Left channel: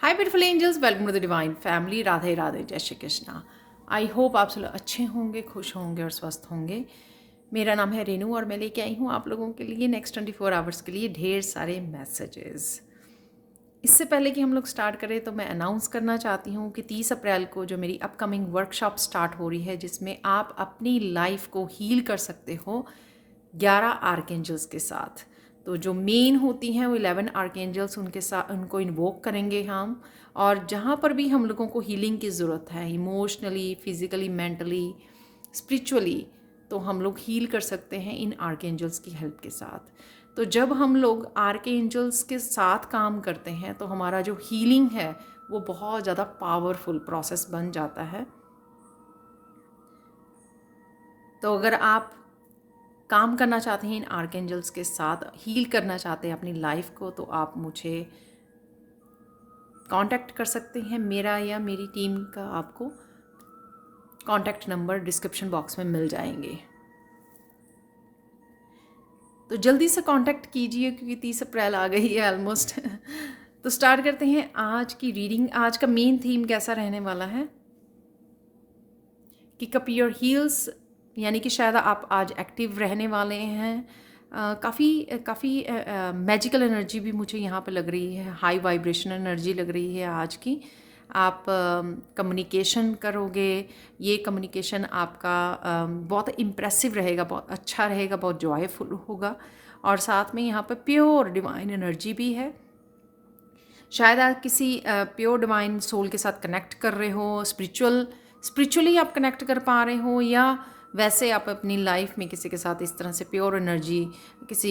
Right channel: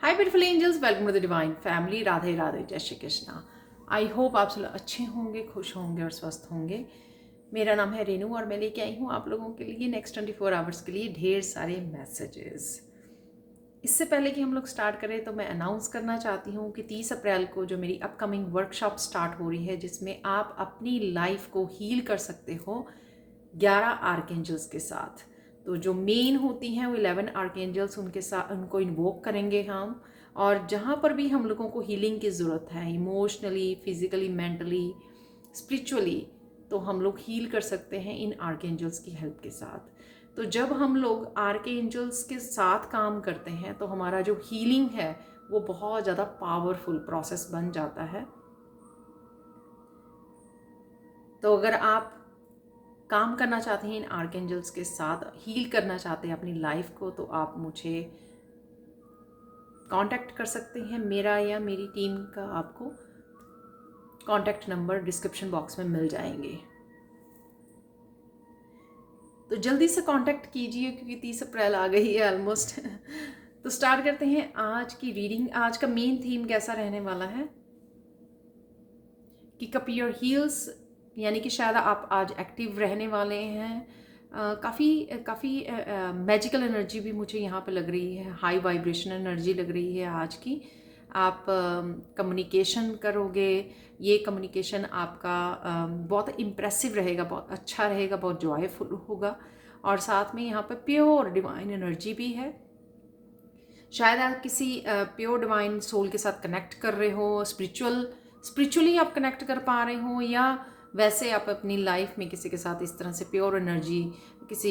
Hi beautiful angels, welcome to the divine family. Radhe Radhe, जय Shri Krishna. I hope आप सब अच्छे होंगे, खुश होंगे और स्वस्थ होंगे। मेरा नाम है रेनू और मैं लेके आई हूँ आप लोगों के लिए नेक्स्ट 24 आवर्स के लिए ढेर सारे मैसेजेस। इससे पहले कि हम लोग स्टार्ट करें तो मैं अनाउंस करना चाहती हूँ कि 30 अप्रैल को जो मेरी अपकमिंग वर्कशॉप स्टार्ट हो रही है, जिसमें आप अपनी लाइफ को हील कर सकते हो 11 आर्कएंजल्स के साथ। तो जो मेन होती हैं वो 11 आर्कएंजल्स, उनके साथ उनको इन्वोक करेंगे हम। और जहाँ पर भी हम लोगों को हीलिंग की ज़रूरत है, इमोशनली, फिजिकली, मेंटली, स्पिरिचुअली, तो हम लोग हील कर सकते हैं इन आर्कएंजल्स की हेल्प के साथ। तो जब हम लोग आर्कएंजल्स के साथ काम करते हैं तो हमारा जो हीलिंग है वो बहुत ज़्यादा पावरफुल प्रोसेस बन जाता है। तो अगर आप काम करना चाहते हैं इन आर्कएंजल्स के साथ, हील करना चाहते हैं अपनी लाइफ को, तो आप मुझे कांटेक्ट कर सकते हैं। मेरा या मेरी टीम का आपको कांटेक्ट नंबर डिस्क्रिप्शन बॉक्स में मिल जाएंगे। तो जल्दी से कांटेक्ट कीजिए क्योंकि 30 अप्रैल आ गई है ऑलमोस्ट। तो स्टार्ट करते हैं आज की रीडिंग। आज का मेन थीम कैसा रहने वाला है कि कप योर हील्स, यानी कि शायद आप आज एक्टिव रहने वाले हैं। काफ़ी मैजिकल एनर्जी भी मुझे यहाँ पे लग रही है, हाई वाइब्रेशन एनर्जी लग रही है आज की। आप कम्युनिकेशन करोगे, ये कम्युनिकेशन आपका बहुत इम्प्रेसिव रहेगा, बहुत अच्छा रहेगा, बहुत जॉयफुल होगा। और साथ में यहाँ पे प्योर डिवाइन एनर्जी भी है। शायद आप किसी प्योर डिवाइन सोल के साथ कनेक्ट कर रहे हो, स्पिरिचुअली आप कनेक्ट कर पा रहे हो, या वैसे आप अपनी लाइफ में किसी के साथ इस तरह से प्योर एनर्जी किसी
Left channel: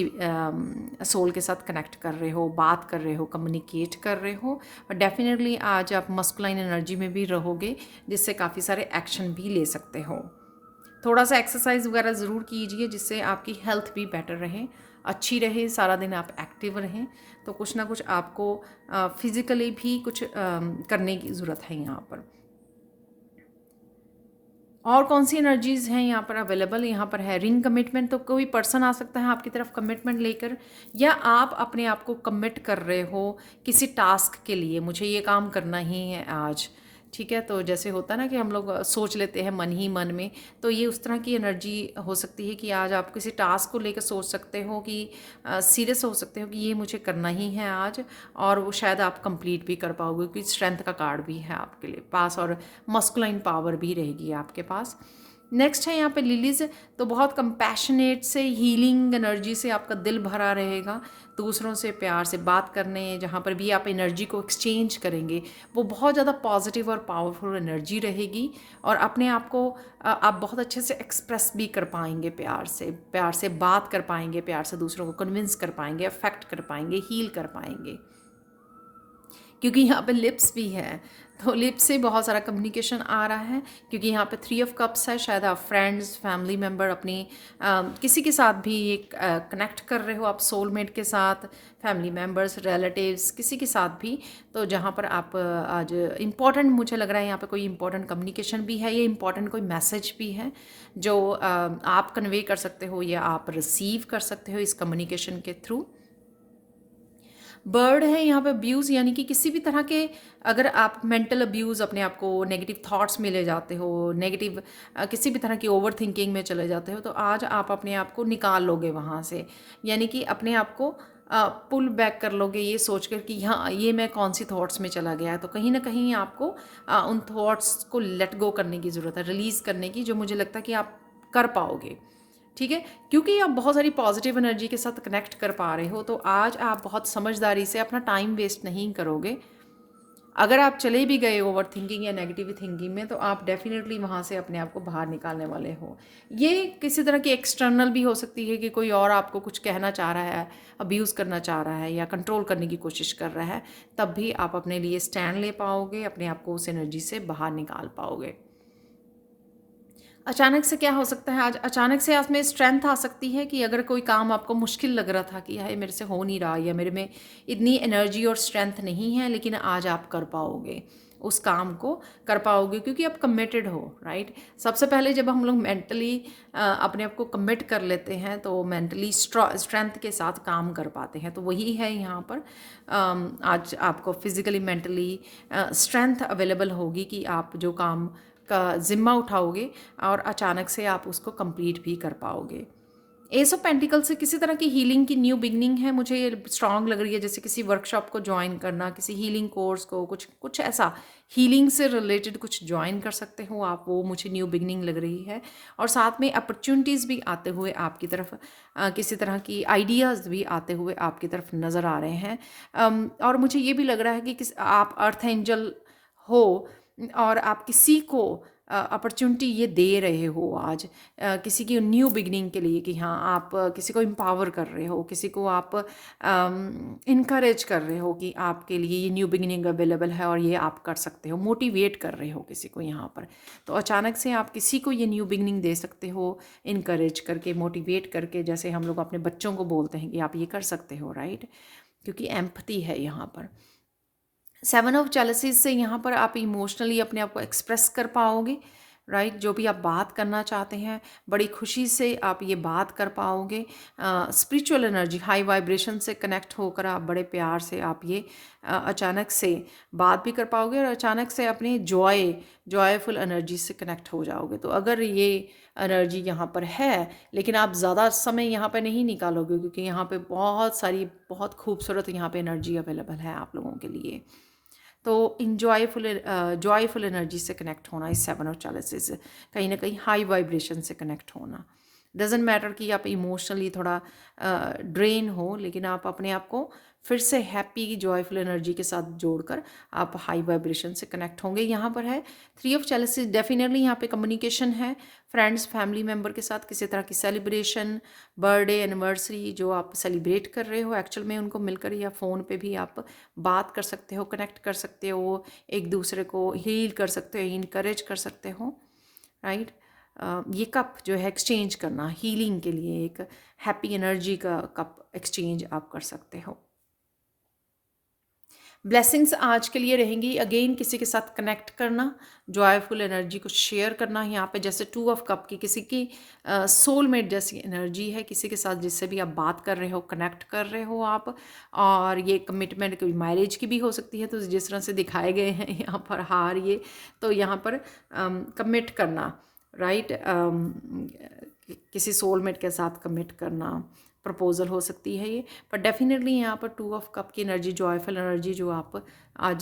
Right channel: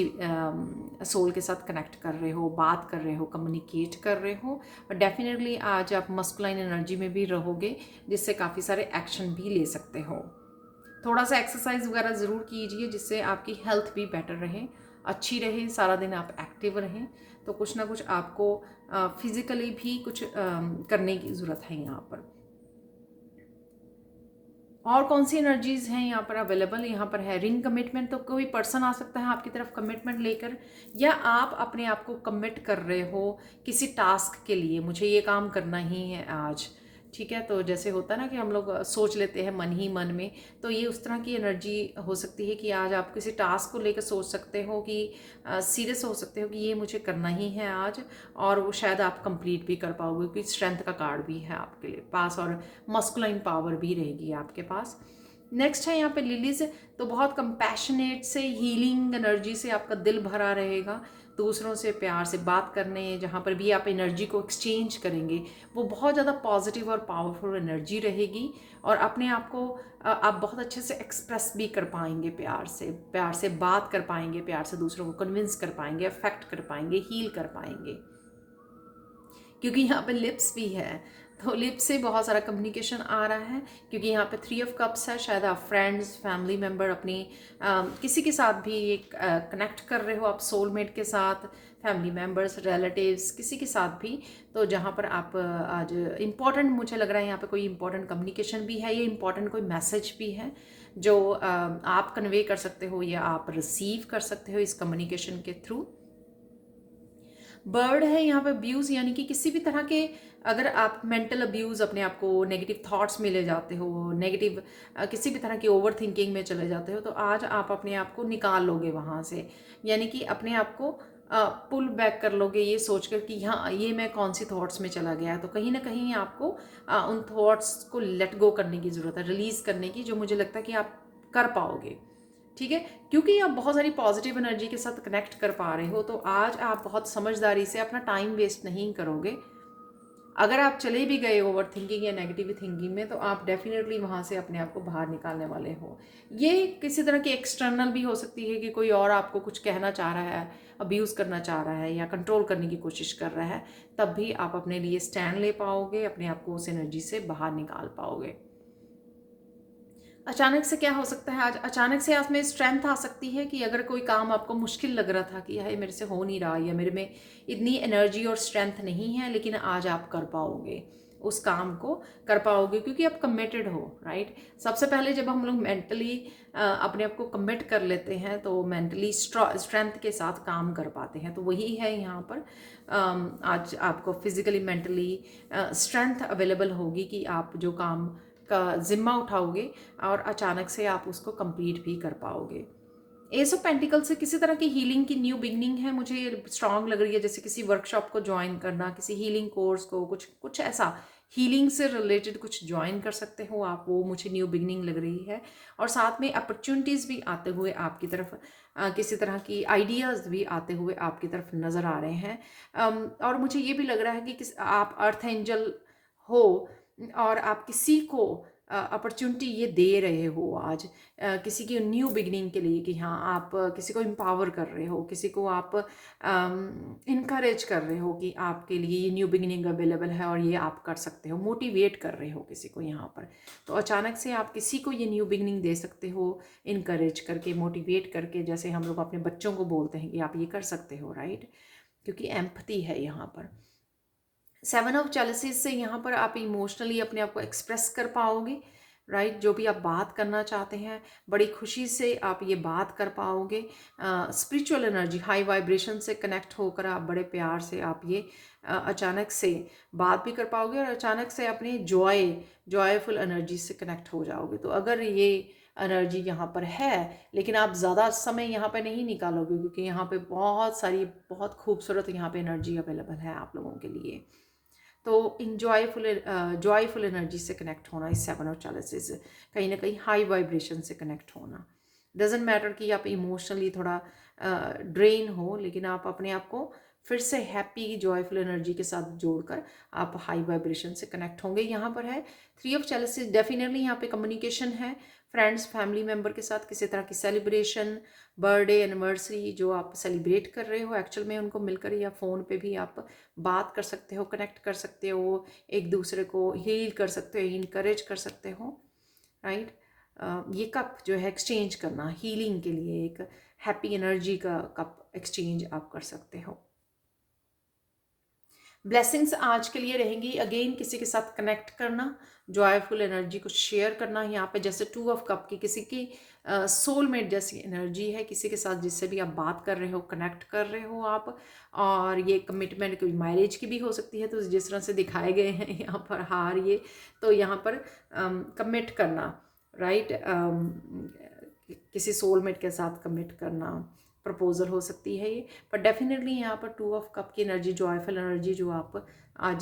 सोल के साथ कनेक्ट कर रहे हो, बात कर रहे हो, कम्युनिकेट कर रहे हो। और डेफिनेटली आज आप मस्कुलाइन एनर्जी में भी रहोगे, जिससे काफ़ी सारे एक्शन भी ले सकते हो। थोड़ा सा एक्सरसाइज वगैरह ज़रूर कीजिए जिससे आपकी हेल्थ भी बेटर रहे, अच्छी रहे, सारा दिन आप एक्टिव रहें। तो कुछ ना कुछ आपको फिज़िकली भी कुछ करने की ज़रूरत है यहाँ पर। और कौन सी एनर्जीज़ हैं यहाँ पर अवेलेबल? यहाँ पर है रिंग कमिटमेंट। तो कोई पर्सन आ सकता है आपकी तरफ कमिटमेंट लेकर, या आप अपने आप को कमिट कर रहे हो किसी टास्क के लिए, मुझे ये काम करना ही है आज। ठीक है, तो जैसे होता है ना कि हम लोग सोच लेते हैं मन ही मन में, तो ये उस तरह की एनर्जी हो सकती है कि आज आप किसी टास्क को लेकर सोच सकते हो कि सीरियस हो सकते हो कि ये मुझे करना ही है आज, और वो शायद आप कंप्लीट भी कर पाओगे क्योंकि स्ट्रेंथ का कार्ड भी है आपके लिए पास, और मस्कुलाइन पावर भी रहेगी आपके पास। नेक्स्ट है यहाँ पे लिलीज। तो बहुत कंपैशनेट से, हीलिंग एनर्जी से आपका दिल भरा रहेगा। दूसरों से प्यार से बात करने, जहाँ पर भी आप एनर्जी को एक्सचेंज करेंगे, वो बहुत ज़्यादा पॉजिटिव और पावरफुल एनर्जी रहेगी। और अपने आप को आप बहुत अच्छे से एक्सप्रेस भी कर पाएंगे, प्यार से बात कर पाएंगे, प्यार से दूसरों को कन्विंस कर पाएंगे, अफेक्ट कर पाएंगे, हील कर पाएंगे। क्योंकि यहाँ पे लिप्स भी है, तो लिप्स से बहुत सारा कम्युनिकेशन आ रहा है। क्योंकि यहाँ पे 3 ऑफ कप्स है, शायद आप फ्रेंड्स, फैमिली मेम्बर, अपनी किसी के साथ भी ये कनेक्ट कर रहे हो, आप सोलमेट के साथ, फैमिली मेम्बर्स, रिलेटिव्स, किसी के साथ भी। तो जहाँ पर आप आज इम्पॉर्टेंट, मुझे लग रहा है यहाँ पे कोई इम्पॉर्टेंट कम्युनिकेशन भी है, ये इम्पॉर्टेंट कोई मैसेज भी है जो आप कन्वे कर सकते हो या आप रिसीव कर सकते हो इस कम्युनिकेशन के थ्रू। बर्ड है यहाँ पे अब्यूज़, यानी कि किसी भी तरह के, अगर आप मेंटल अब्यूज़, अपने आप को नेगेटिव थॉट्स में ले जाते हो, नेगेटिव किसी भी तरह की ओवर थिंकिंग में चले जाते हो, तो आज आप अपने आप को निकाल लोगे वहाँ से। यानी कि अपने आप को पुल बैक कर लोगे, ये सोचकर कि हाँ, ये मैं कौन सी थॉट्स में चला गया है। तो कहीं ना कहीं आपको उन थॉट्स को लेट गो करने की ज़रूरत है, रिलीज़ करने की, जो मुझे लगता है कि आप कर पाओगे। ठीक है, क्योंकि आप बहुत सारी पॉजिटिव एनर्जी के साथ कनेक्ट कर पा रहे हो, तो आज आप बहुत समझदारी से अपना टाइम वेस्ट नहीं करोगे। अगर आप चले भी गए ओवर थिंकिंग या नेगेटिव थिंकिंग में, तो आप डेफिनेटली वहाँ से अपने आप को बाहर निकालने वाले हो। ये किसी तरह की एक्सटर्नल भी हो सकती है कि कोई और आपको कुछ कहना चाह रहा है, अब्यूज़ करना चाह रहा है या कंट्रोल करने की कोशिश कर रहा है, तब भी आप अपने लिए स्टैंड ले पाओगे, अपने आप को उस एनर्जी से बाहर निकाल पाओगे। अचानक से क्या हो सकता है आज? अचानक से आज में स्ट्रेंथ आ सकती है कि अगर कोई काम आपको मुश्किल लग रहा था कि यार मेरे से हो नहीं रहा, या मेरे में इतनी एनर्जी और स्ट्रेंथ नहीं है, लेकिन आज आप कर पाओगे। उस काम को कर पाओगे, क्योंकि आप कमिटेड हो, राइट। सबसे पहले जब हम लोग मेंटली अपने आप को कमिट कर लेते हैं तो मेंटली स्ट्रेंथ के साथ काम कर पाते हैं। तो वही है यहाँ पर आज आपको फिजिकली मेंटली स्ट्रेंथ अवेलेबल होगी कि आप जो काम का जिम्मा उठाओगे और अचानक से आप उसको कंप्लीट भी कर पाओगे। एस ऑफ पेंटिकल से किसी तरह की हीलिंग की न्यू बिगनिंग है, मुझे ये स्ट्रांग लग रही है, जैसे किसी वर्कशॉप को ज्वाइन करना, किसी हीलिंग कोर्स को, कुछ कुछ ऐसा हीलिंग से रिलेटेड कुछ ज्वाइन कर सकते हो आप, वो मुझे न्यू बिगनिंग लग रही है। और साथ में अपॉर्चुनिटीज़ भी आते हुए आपकी तरफ, किसी तरह की आइडियाज़ भी आते हुए आपकी तरफ नज़र आ रहे हैं। और मुझे ये भी लग रहा है कि आप अर्थ एंजल हो और आप किसी को अपॉर्चुनिटी ये दे रहे हो आज, किसी की न्यू बिगनिंग के लिए, कि हाँ आप किसी को एम्पावर कर रहे हो, किसी को आप इनकरेज कर रहे हो कि आपके लिए ये न्यू बिगनिंग अवेलेबल है और ये आप कर सकते हो, मोटिवेट कर रहे हो किसी को यहाँ पर। तो अचानक से आप किसी को ये न्यू बिगनिंग दे सकते हो, इनकरेज करके, मोटिवेट करके, जैसे हम लोग अपने बच्चों को बोलते हैं कि आप ये कर सकते हो, राइट, क्योंकि एम्पैथी है यहाँ पर। 7 ऑफ जेलसीज से यहाँ पर आप इमोशनली अपने आप को एक्सप्रेस कर पाओगे, राइट। जो भी आप बात करना चाहते हैं बड़ी खुशी से आप ये बात कर पाओगे। स्पिरिचुअल एनर्जी, हाई वाइब्रेशन से कनेक्ट होकर आप बड़े प्यार से आप ये अचानक से बात भी कर पाओगे और अचानक से अपनी जॉयफुल एनर्जी से कनेक्ट हो जाओगे। तो अगर ये एनर्जी यहाँ पर है, लेकिन आप ज़्यादा समय यहाँ पे नहीं निकालोगे, क्योंकि यहाँ पे बहुत सारी बहुत खूबसूरत यहाँ पे एनर्जी अवेलेबल है आप लोगों के लिए। तो जॉयफुल एनर्जी से कनेक्ट होना इस 7 ऑफ चैलेंजेस, कहीं ना कहीं हाई वाइब्रेशन से कनेक्ट होना। डजेंट मैटर कि आप इमोशनली थोड़ा ड्रेन हो, लेकिन आप अपने आप को फिर से हैप्पी जॉयफुल एनर्जी के साथ जोड़कर आप हाई वाइब्रेशन से कनेक्ट होंगे। यहाँ पर है 3 ऑफ चैलेंजेस, डेफिनेटली यहाँ पे कम्युनिकेशन है, फ्रेंड्स फैमिली मेम्बर के साथ किसी तरह की सेलिब्रेशन, बर्थडे एनिवर्सरी जो आप सेलिब्रेट कर रहे हो एक्चुअल में उनको मिलकर, या फ़ोन पे भी आप बात कर सकते हो, कनेक्ट कर सकते हो, एक दूसरे को हील कर सकते हो, इनकरेज कर सकते हो, राइट। ये कप जो है एक्सचेंज करना हीलिंग के लिए, एक हैप्पी एनर्जी का कप एक्सचेंज आप कर सकते हो। ब्लेसिंग्स आज के लिए रहेंगी, अगेन किसी के साथ कनेक्ट करना, जॉयफुल एनर्जी को शेयर करना। यहाँ पे जैसे 2 ऑफ कप की किसी की सोलमेट जैसी एनर्जी है, किसी के साथ जिससे भी आप बात कर रहे हो, कनेक्ट कर रहे हो आप, और ये कमिटमेंट कोई मैरिज की भी हो सकती है। तो जिस तरह से दिखाए गए हैं यहाँ पर हार, ये तो यहाँ पर कमिट करना, राइट, किसी सोलमेट के साथ कमिट करना, प्रपोजल हो सकती है ये। पर डेफिनेटली यहाँ पर 2 ऑफ कप की एनर्जी, जॉयफुल एनर्जी जो आप आज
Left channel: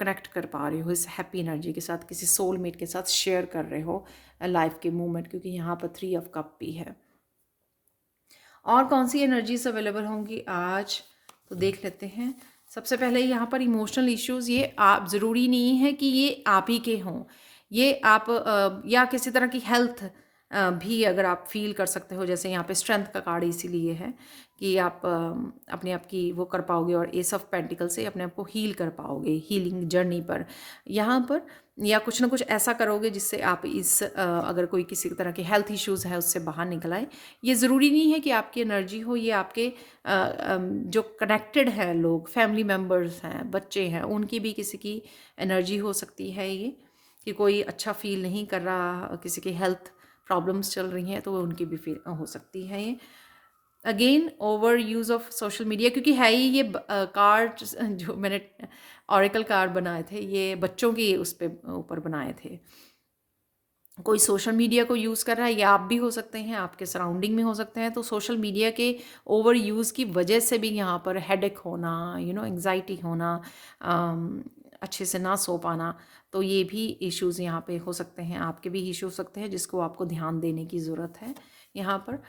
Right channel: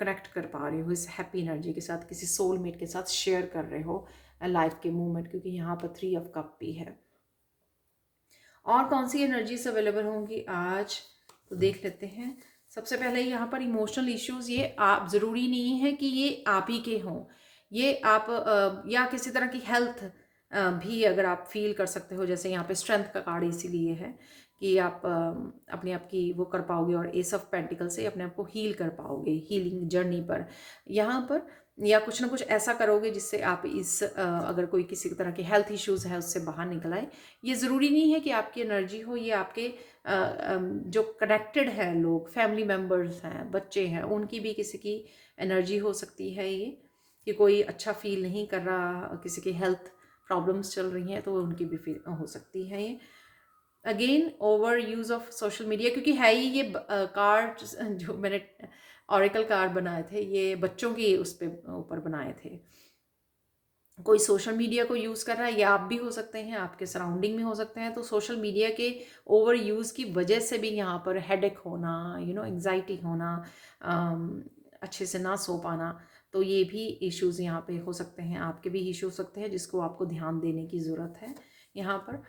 कनेक्ट कर पा रहे हो इस हैप्पी एनर्जी के साथ, किसी सोलमेट के साथ शेयर कर रहे हो लाइफ के मूवमेंट, क्योंकि यहाँ पर 3 ऑफ कप भी है। और कौन सी एनर्जीज अवेलेबल होंगी आज, तो देख लेते हैं। सबसे पहले यहाँ पर इमोशनल इश्यूज, ये आप ज़रूरी नहीं है कि ये आप ही के हों, ये आप या किसी तरह की हेल्थ भी अगर आप फील कर सकते हो, जैसे यहाँ पे स्ट्रेंथ का कार्ड इसीलिए है कि आप अपने आप की वो कर पाओगे, और एस ऑफ पेंटिकल से अपने आप को हील कर पाओगे हीलिंग जर्नी पर यहाँ पर, या कुछ ना कुछ ऐसा करोगे जिससे आप इस अगर कोई किसी तरह के हेल्थ इश्यूज़ है उससे बाहर निकल आए। ये ज़रूरी नहीं है कि आपकी एनर्जी हो, ये आपके जो कनेक्टेड है लोग, फैमिली मेम्बर्स हैं, बच्चे हैं, उनकी भी किसी की एनर्जी हो सकती है ये, कि कोई अच्छा फील नहीं कर रहा, किसी की हेल्थ प्रॉब्लम्स चल रही हैं, तो उनकी भी फील हो सकती है ये। Again over use of social media, क्योंकि है ही ये कार्ड जो मैंने ऑरेकल कार्ड बनाए थे, ये बच्चों की उस पे ऊपर बनाए थे। कोई सोशल मीडिया को यूज़ कर रहा है, या आप भी हो सकते हैं, आपके सराउंडिंग में हो सकते हैं। तो सोशल मीडिया के ओवर यूज़ की वजह से भी यहाँ पर हेडेक होना, एंग्जाइटी होना, अच्छे से ना सो पाना, तो ये भी इश्यूज़ यहाँ पे हो सकते हैं, आपके भी इश्यू हो सकते हैं जिसको आपको ध्यान देने की ज़रूरत है। यहाँ पर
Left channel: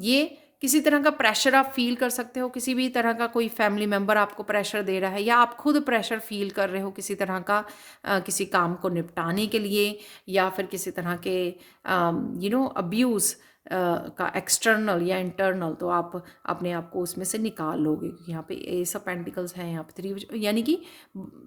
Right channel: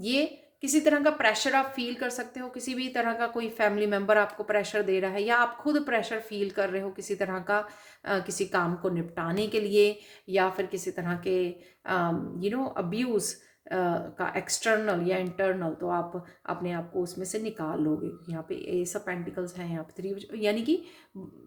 ये किसी तरह का प्रेशर आप फील कर सकते हो, किसी भी तरह का कोई फैमिली मेम्बर आपको प्रेशर दे रहा है, या आप खुद प्रेशर फील कर रहे हो किसी तरह का किसी काम को निपटाने के लिए, या फिर किसी तरह के अब्यूज़ का एक्सटर्नल या इंटरनल, तो आप अपने आप को उसमें से निकाल लोगे। यहाँ पे एस ऑफ पेंटिकल्स हैं, यहाँ पे 3, यानी कि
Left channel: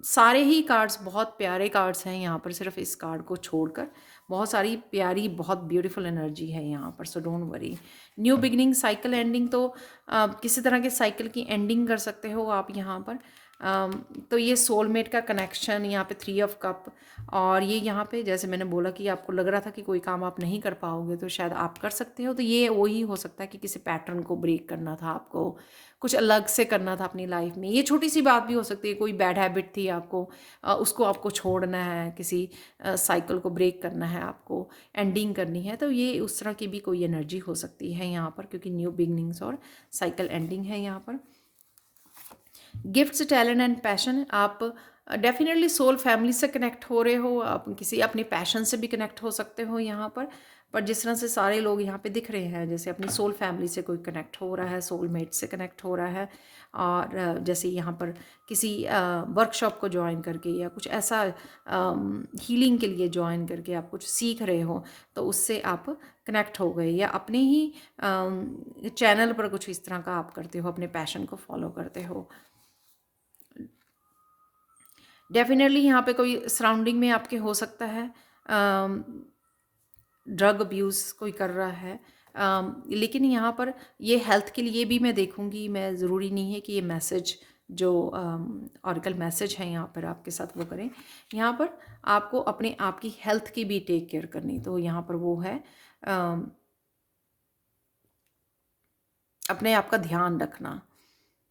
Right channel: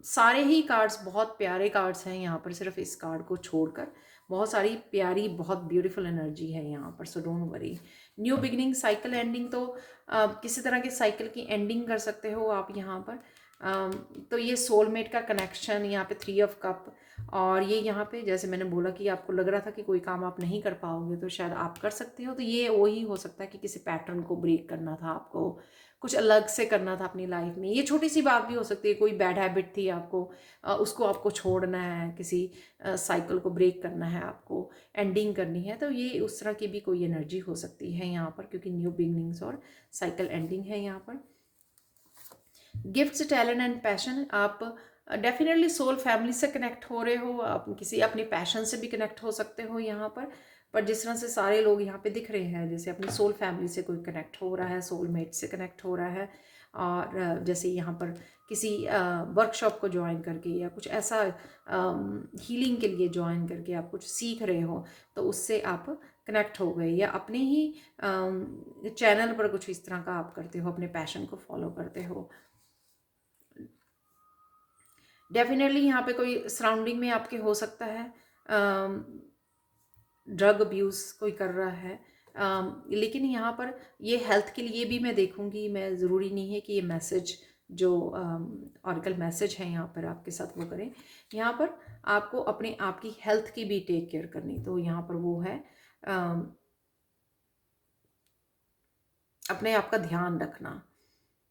सारे ही कार्ड्स बहुत प्यारे कार्ड्स हैं यहाँ पर, सिर्फ इस कार्ड को छोड़कर बहुत सारी प्यारी, बहुत ब्यूटीफुल एनर्जी है यहाँ पर। So don't worry. New beginning, cycle ending, तो किसी तरह के साइकिल की एंडिंग कर सकते हो आप यहाँ पर। तो ये सोलमेट का कनेक्शन, यहाँ पे 3 ऑफ कप, और ये यहाँ पे जैसे मैंने बोला कि आपको लग रहा था कि कोई काम आप नहीं कर पाओगे तो शायद आप कर सकते हो, तो ये वही हो सकता है कि किसी पैटर्न को ब्रेक करना था आपको, कुछ अलग से करना था अपनी लाइफ में। ये छोटी सी बात भी हो सकती है, कोई बैड हैबिट थी आपको, उसको आपको छोड़ना है, किसी साइकिल को ब्रेक करना है आपको, एंडिंग करनी है, तो ये उस तरह की भी कोई एनर्जी हो सकती है यहाँ पर, क्योंकि न्यू बिगनिंग्स और साइकिल एंडिंग है यहाँ पर। गिफ्ट्स, टैलेंट एंड पैशन, आप डेफिनेटली सोल फैमिली से कनेक्ट हो रहे हो, आप किसी अपनी पैशन से भी कनेक्ट हो सकते हो यहाँ पर जिस तरह से सारे लोग यहाँ पे दिख रहे हैं, जैसे अपनी सोल फैमिली से कोई कनेक्ट हो रहा है, सोलमेट से कनेक्ट हो रहा है, और जैसे यहाँ पर किसी वर्कशॉप को ज्वाइन करके या कुछ ऐसा हीलिंग के लिए ज्वाइन करके आप कुछ सीख रहे हो, तो उससे आप कनेक्ट हो गए, या अपने ही चैनल पर कुछ इस तरह का आप करते हो, अपने पैशन को फॉलो करते हो। डेफिनेटली यहाँ पे कोई सराउंडिंग में आपके हो सकता है ड्रग अब्यूज़ कोई कर रहा है, लेकिन यहाँ पर ये हेल्थ के लिए भी मैं देखूँगी, मैं ज़रूरी नहीं है कि ये मैसेज जो ऑरिकल मैसेज है यहाँ पर आपके साथ वो करें। यहाँ पर आपको अपने आप की हेल्थ की भी टेक केयर करनी, तो यहाँ पर वो है अपने आप का ध्यान रखना,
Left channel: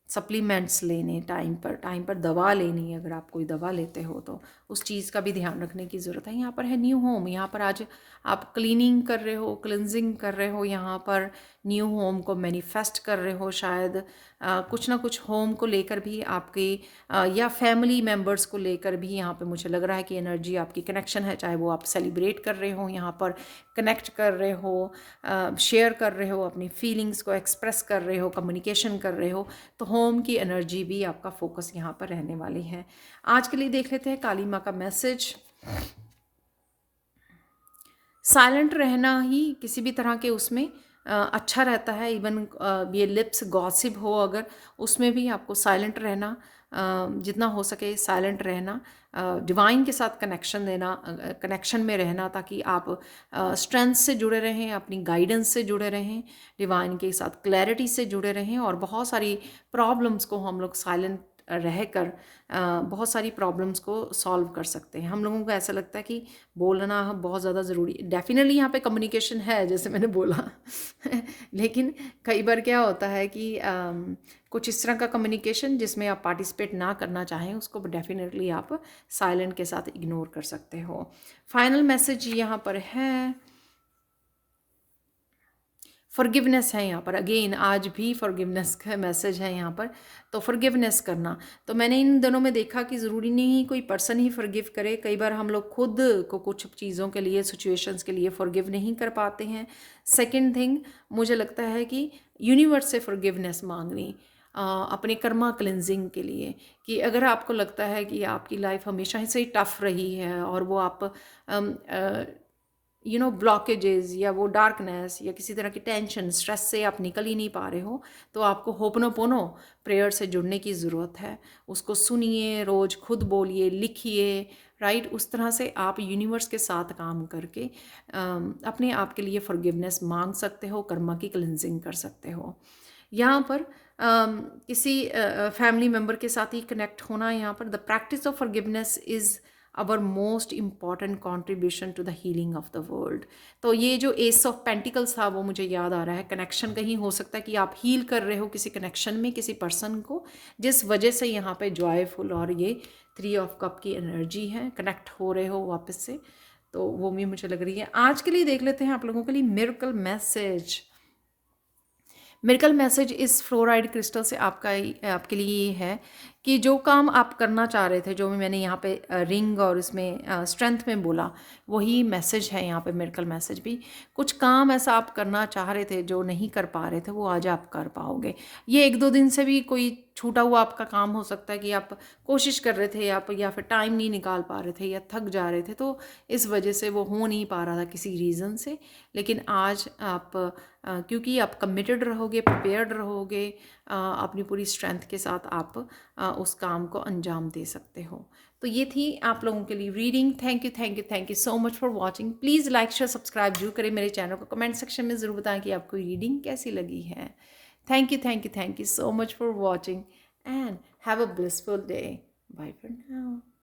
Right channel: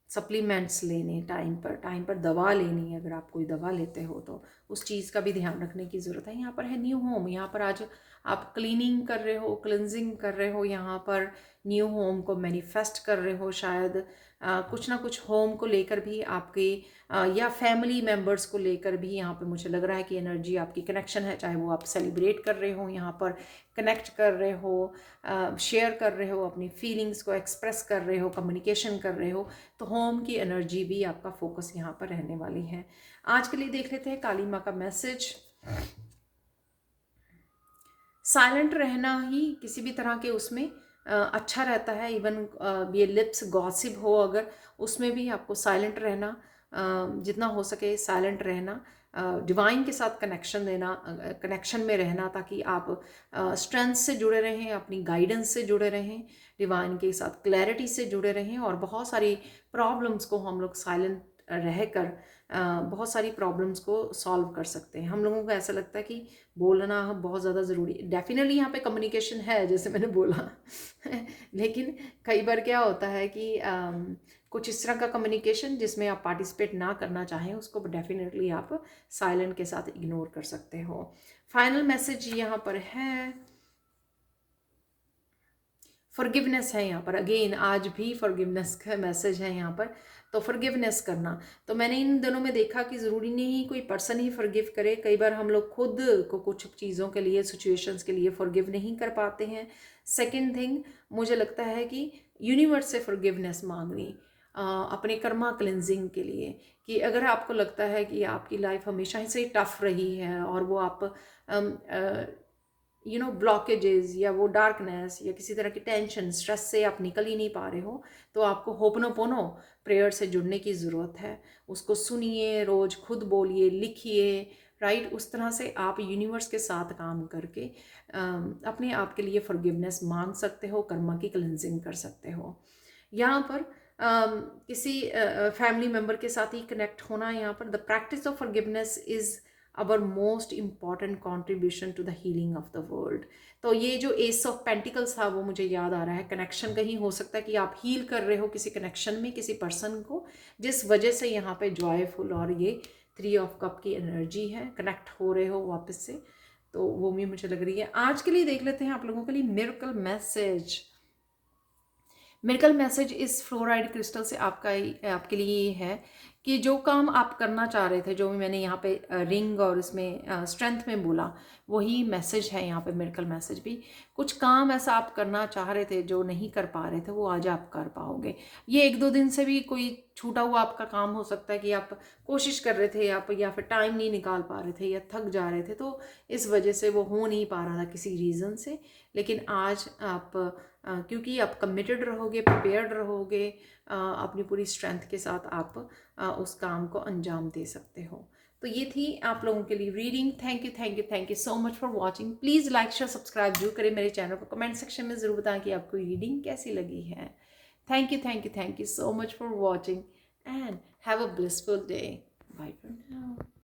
सप्लीमेंट्स लेने टाइम पर दवा लेनी, अगर आप कोई दवा लेते हो तो उस चीज़ का भी ध्यान रखने की ज़रूरत है। यहाँ पर है न्यू होम, यहाँ पर आज आप क्लीनिंग कर रहे हो, क्लिनजिंग कर रहे हो, यहाँ पर न्यू होम को मैनिफेस्ट कर रहे हो, शायद कुछ ना कुछ होम को लेकर भी आपके या फैमिली मेम्बर्स को लेकर भी यहाँ पे मुझे लग रहा है कि एनर्जी आपकी कनेक्शन है, चाहे वो आप सेलिब्रेट कर रहे हो, यहाँ पर कनेक्ट कर रहे हो, शेयर कर रहे हो, अपनी फीलिंग्स को एक्सप्रेस कर रहे हो, कम्युनिकेशन कर रहे हो, तो होम की एनर्जी भी आपका फोकस यहाँ पर रहने वाली है। आज के लिए देख लेते हैं काली माँ का मैसेज। साइलेंट रहना ही किसी भी तरह के उसमें अच्छा रहता है, इवन ये लिप्स गॉसिप हो अगर, उसमें भी आपको साइलेंट रहना, जितना हो सके साइलेंट रहना, डिवाइन के साथ कनेक्शन देना, कनेक्शन में रहना, ताकि आप स्ट्रेंथ से जुड़े रहें, अपनी गाइडेंस से जुड़े रहें, डिवाइन के साथ क्लैरिटी से जुड़े रहें, और बहुत सारी प्रॉब्लम्स को हम लोग साइलेंट रहकर बहुत सारी प्रॉब्लम्स को सॉल्व कर सकते हैं। हम लोगों को ऐसा लगता है कि बोलना बहुत ज़्यादा ज़रूरी, डेफिनेटली यहाँ पे कम्युनिकेशन है जैसे मैंने बोला लेकिन कई बार क्या होता है कि कुछ इस तरह का कम्युनिकेशन जिसमें आप पार्टिसिपेट ना करना चाहें, उसको डेफिनेटली आप साइलेंट के साथ इग्नोर कर सकते हो। फाइनल मैसेज यहाँ पर है फॉरगिवनेस है यहाँ पर, अगेन आज भी फॉरगिवनेस का मैसेज है यहाँ पर, तो फॉरगिवनेस करना। तो मैंने इन दिनों में देखा कि ज़रूरी नहीं कोई पर्सन ही फॉरगिव करे, कई बार हम लोग खुद को कुछ चीज़ों के लिए, सिचुएशंस के लिए फॉरगिव नहीं कर पाते हैं। सेकंड थिंग मुझे लगता है कि यूनिवर्स से फॉरगिवनेस मांगनी अपने कर्मा क्लिनजिंग के लिए, कि अगर आपको लगता है कि आपकी लाइफ हमेशा से ही टफ रही है और वो आप ब्लॉकेजेस या वो डार्कनेस या किसी तरह की टेंशन, स्ट्रेस से आप निकल ही नहीं पा रहे हो, तो आपको होपनोपोनो प्रेयर से जुड़ने की ज़रूरत है। उसको सुनिए, रोज़ खुद बोलिए, लिखिए, राइट। उस तरह से आप यूनिवर्स के साथ काम करके अपने आप के लिए फॉरगिवनेस मांग सकते हो, कर्मा की क्लिनजिंग कर सकते हो। यहाँ पर किसी फैमिली मेम्बर के साथ ही कनेक्ट होना, यहाँ पर the practice of forgiveness is our most important contribution to the healing of the world. तो ये जो एस ऑफ पेंटिकल्स था वो मुझे याद आ रहा है, कनेक्शन कहीं हो सकता है कि आप हील कर रहे हो किसी कनेक्शन में किसी पर्सन को, जिस वजह से यहाँ पे जॉयफुल और ये 3 ऑफ कप की एनर्जी है, कनेक्ट हो रहे हो वापस से, तो वो भी मुझे लग रही है। आज के लिए देख लेते हैं आप लोगों के लिए मिरेकल मैसेज। मिरेकल मैसेज इस फ्लोराइड क्रिस्टल से आपके लिए ये है कि जो काम आप करना चाह रहे थे, जो मैंने यहाँ पे रिंग और इसमें स्ट्रेंथ में बोला, वही मैसेज है यहाँ पे मिरेकल मैसेज भी। कुछ काम ऐसा आप करना चाह रहे थे जो नहीं कर पा रहे थे, वो आज आप कर पाओगे। ये 1-2 दिन से भी कोई छूटा हुआ आपका काम हो सकता है कि आप कोशिश कर रहे थे आप, या फिर टाइम नहीं निकाल पा रहे थे या थक जा रहे थे, तो इस वजह से वो हो नहीं पा रहा था किसी रीज़न से। लेकिन आज आप क्योंकि आप कमिटेड रहोगे, प्रिपेयर्ड रहोगे, अपनी पूरी स्ट्रेंथ के साथ आप उस काम को अंजाम दे सकते हो। तो ये थी आप लोगों के लिए reading. Thank you so much for watching. Please like share subscribe जरूर करें मेरे चैनल को, कमेंट सेक्शन में ज़रूर बताएं कि आपको रीडिंग कैसी लगी है। Thank you so much for watching. and have a blissful day. Bye for now.